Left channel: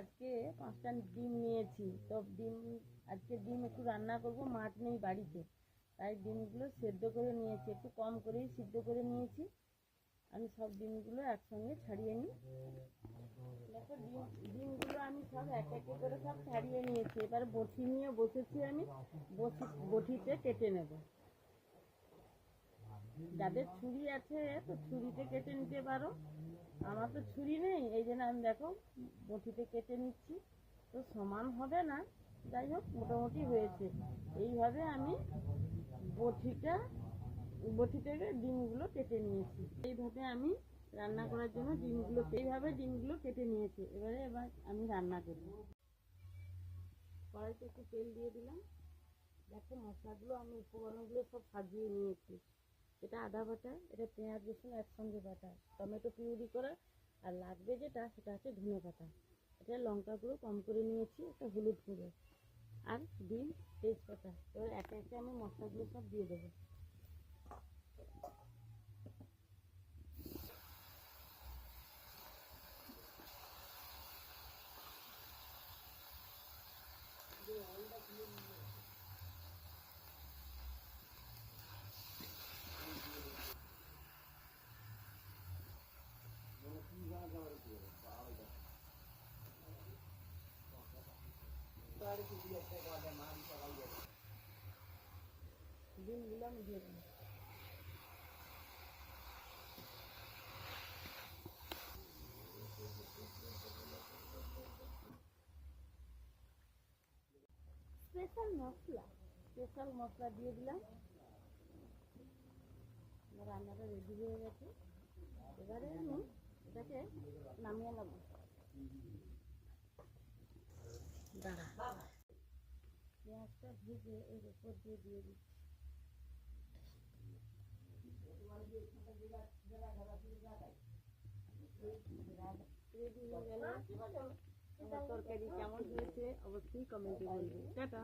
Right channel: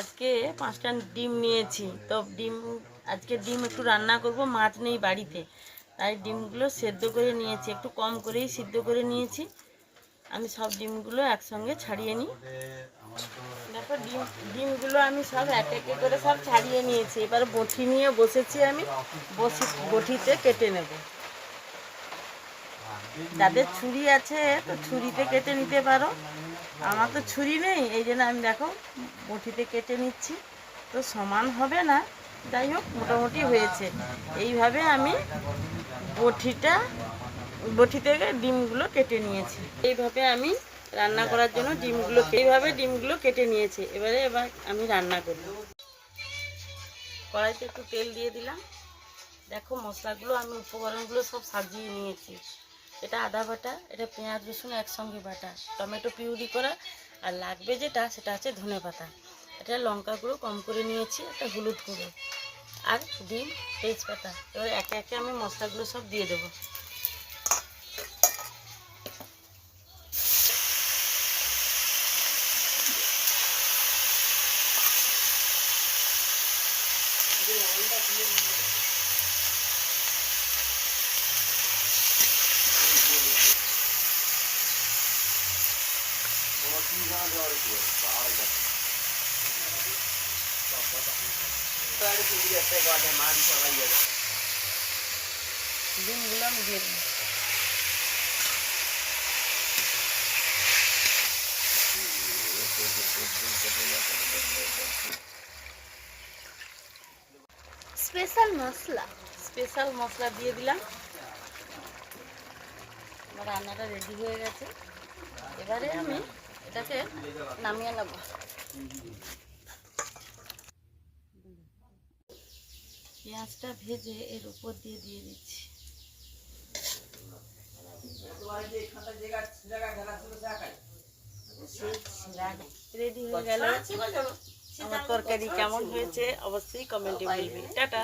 আজকে 5টা ডিম নিয়েছি, তো আজকে ডিম একটু রান্না করব, মাছ নেই বাড়িতে, তাই ডিমগুলো সেদ্ধ করে নিয়েছি, একটু কম করেই সিদ্ধ করে নিয়েছি। আমি সব ডিমগুলো একসঙ্গে ছাড়িয়ে নিই। দেখো ডিমগুলো আমি সব এক এক করে সব ছাড়িয়ে নিয়েছি। এবার বটি নিয়ে বসেছি, আমি বটিতে কেটে নেব। যাদের ছুরি আছে তো ছুরিতে কেটে নিতে পারো, আমার তো ছুরি নেই, এই জন্য আমি দেখো বটিতে কেটে নিচ্ছি। তো সমান হবে না, যাই হোক মোটামুটি হয়েছে। এইভাবে আমি বটি থেকে ডিমগুলো কেটে নিয়েছি। এইভাবে আমি রান্না করার জন্য ডিমগুলো কেটে নিয়েছি। এবার আমি রান্না করব। কড়াইতে একটু তেল দিয়ে দিলাম। দেখো মশলাগুলো আমি উপকরণগুলো সব সাজিয়ে নিয়েছি। এটা আদা বাটা, এটা পেঁয়াজ রসুন একসঙ্গে বাটা, টমেটো পিউরি করা, আর লাগবে যেটা সেটা হচ্ছে ধনে পাতা, এটা লঙ্কা গুঁড়ো কম করে নিয়েছি, একটা হলুদ গুঁড়ো, আর ডিম, তেজপাতা। এবার একে একে আমি মশলাগুলো সব দিয়ে দেবো। ডিমগুলো আমি দিয়ে দেবো। স্পেশাল মশলা দিয়ে দিলাম। আমার রান্নাটা রেডি হয়ে গেছে। এবারে আমি এটাকে নামিয়ে নেব। দাঁড়া, পেঁয়াজটা ভেজে এর উপর দিয়ে দিচ্ছি। রেডি হয়ে গেল আমার তরকারি। কেমন হয়েছে অবশ্যই কমেন্টে বলবি। টাটা।